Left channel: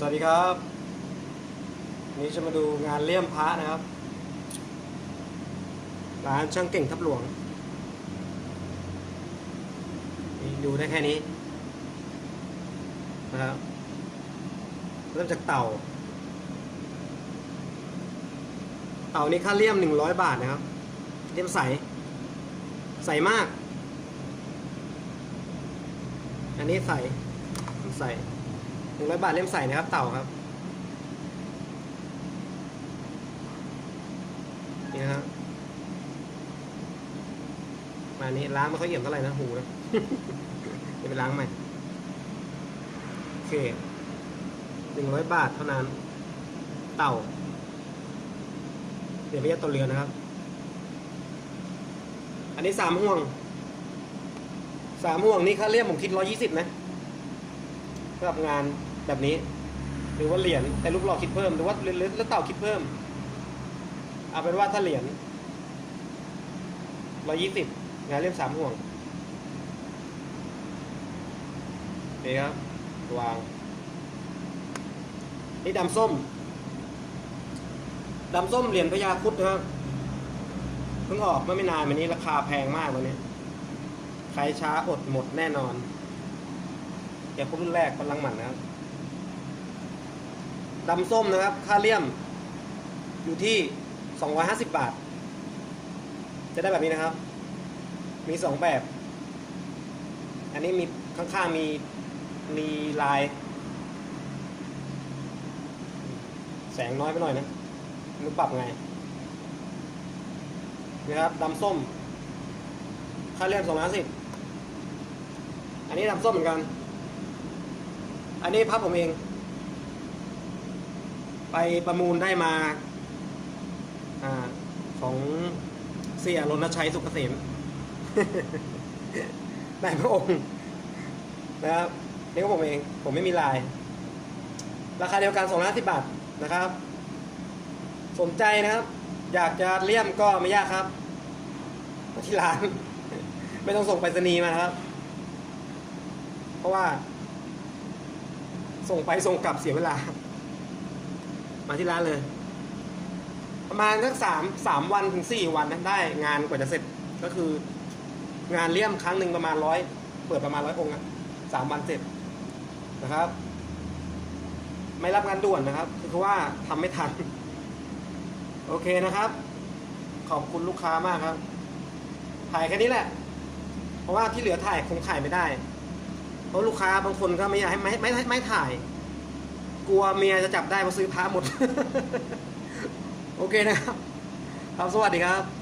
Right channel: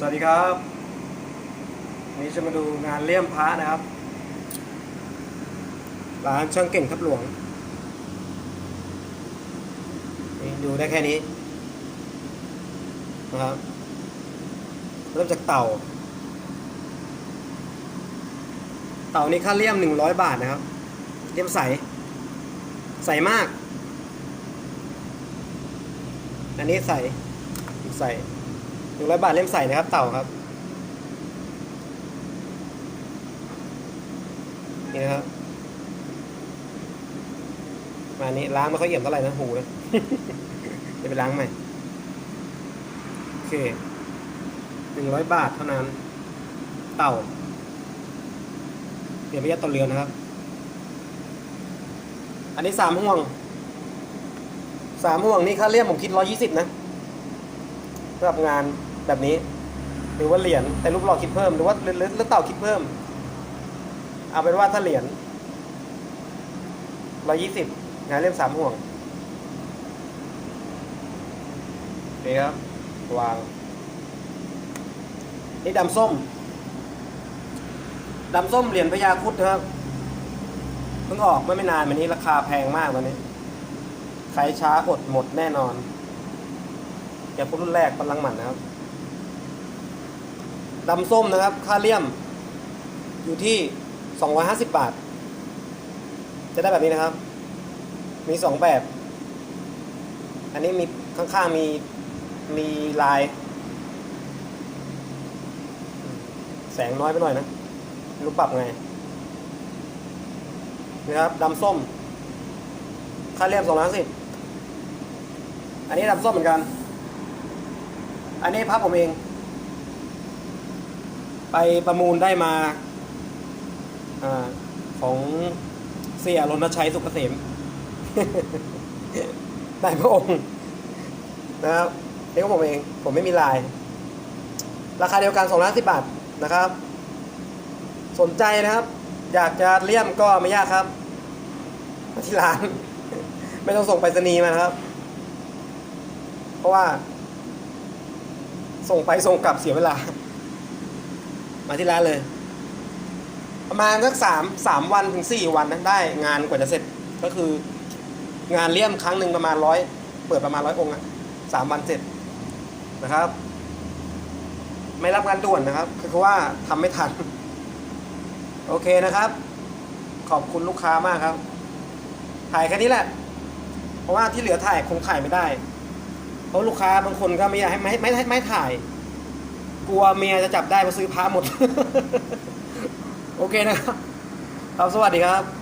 สวัสดีครับนนี้จะมาดูงานเลี่ยมพระนะครับ ร้านช่างเก่งทับหลวง นี่ดูได้แค่นี้นะครับ เริ่มจากเต่า เต่านี้ค่าเลี่ยมหนึ่งร้อยบาทนะครับ เลี่ยมใส ใสมาก อันนี้ใส ใส หนึ่งร้อยบาทเล่มใส่นะครับเต่าครับนี่นะครับอันนี้ล้างไม่ค่อยเอี่ยมเท่าไหร่นะหูเลยเดี๋ยวไปล้างใหม่โอเคหนึ่งร้อยบาทเท่านั้น เต่าเดี๋ยวไม่ยัดต่อเรือนนะครับ อันนี้สามห่วงสามห่วงนี่ค่าเลี่ยมผมคิดร้อยี่สิบนะสำหรับงาน แบบนี้ หรือว่าเหรียญแต่รูปหล่อคิดเพิ่มหรือว่าหรือหรือเต่าคิดเพิ่ม เอาเป็นว่าถ้าเหรียญร้อยี่สิบงานเล่มสามห่วงนี่ครับ วางนี่ดำส้มดำส้มเหรียญพญาคุดนะครับเพิ่งออกไม่ไม่นานมานี้ราคาแพงมากวันนี้ ใครช้าอดหมดแน่นอน อย่าพวกรุ่นแรกกำลังหมันนะครับ ดำส้มนะครับ ค่าเลี่ยม อยู่ที่ 250 บาท จะได้แบบนี้นะครับ มีสองแบบ อันนี้มีข้างๆมีมีลาย แสงน้อยไปหน่อยนะรู้ปรับไงนะครับดำส้ม ค่าเลี่ยมสองร้อยสิบอันนี้ดำส้มเหมือนกัน อันนี้พับผมเอง ไปประมูลได้มาอของเสียรณชัยสุกเกษมได้พระองค์นะครับนี่ก็ผมเอง ผมไม่มีลาย ราคาเดียวกัน250บาทนะครับ สนใจนะครับ อยากจะเลี่ยมก็ไม่ยากครับ ที่ร้าน ไม่ต้องส่งไปรษณีย์มานะครับ เพราะว่า ส่งไปส่งกลับเสียเวลา มาที่ร้านเลย ประมาณสักสามสามวันถึงสี่วันนะได้งานกว่าจะเสร็จก็คือ งานเลี่ยมครั้งหนึ่งประมาณร้อยเปิดประมาณร้อยองค์อะสามวันเสร็จนะครับ ไม่รับงานด่วนนะครับ คือว่าทำไม่ทัน โอเคนะครับ ขอบคุณลูกค้ามากครับ ถ่ายแค่นี้แหละ เพราะว่าที่เหลือถ่ายคงถ่ายไม่ได้ เพราะลูกค้าบางคนก็ไม่อยากให้ไม่ไม่ไม่ไม่ถ่าย กลัวเมียจะจับได้มาซื้อพระหมด โอเคนะครับครับสวัสดีครับ